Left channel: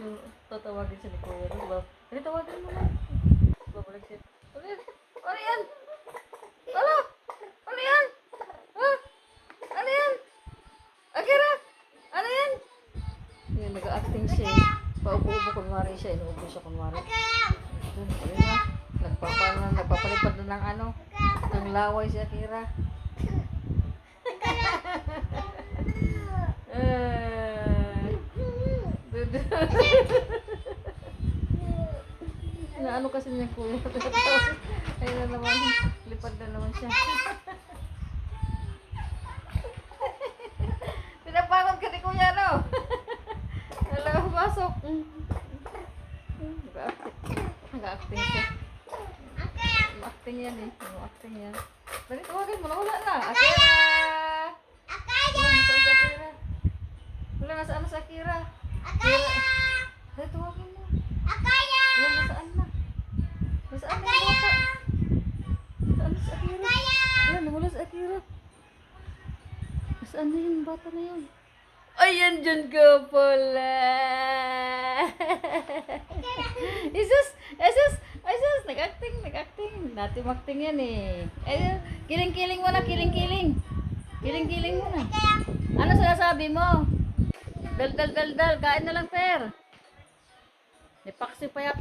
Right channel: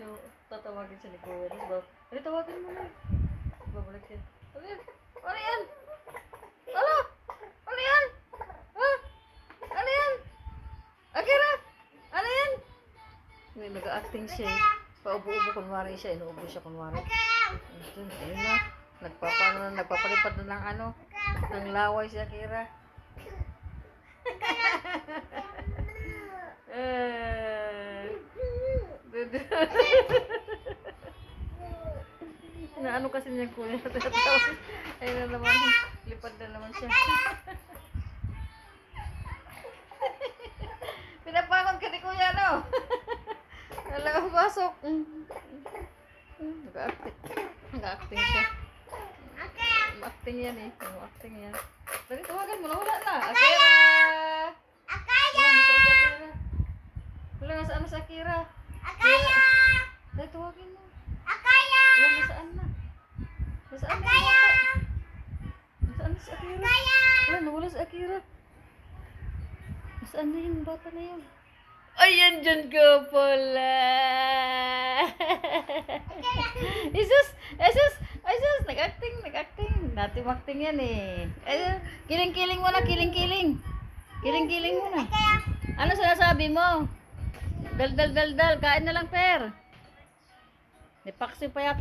So, tatawagin siya ni Kuya. Diba? Ano, tawagin mo na. Babalik siya. Ano yan? Ano yan? Ano? Ano yan? Ha? Ano yan? Akira? Ano yan? Nag-acting siya. Paupo-upo kunwari siya. Inuupo siya kunwari. Ayun na. Nagpapalipad na ng ano. Ng laway si Akira. Ano kasi niya Kuya. Ayun na naman. Lipad na naman siya. Pinapangon ka ni Kuya, no? Wala kang pasok. Nag-acting siya. Acting yan eh. Acting yan. Dali, tawagan mo na. Wala na. Akira! Wala, nasaan na si Akira? Akira! Dali, tawagin mo. Wala, nasaan na? Nasaan na yung bata? Nasaan na si Akira? Wala, nawala si Akira. Nasaan na yung bata na yun? Ayan, dyan ka pala. Jesus! Jesus! Jesus! Nag-acting. Dati acting yan eh. Ayun, kiling-kiling mo na, kiling-kiling. Kiling-kiling mo na. Ano sinasabi mo? Dal. Kain na lang, Per. May paksi pa yata.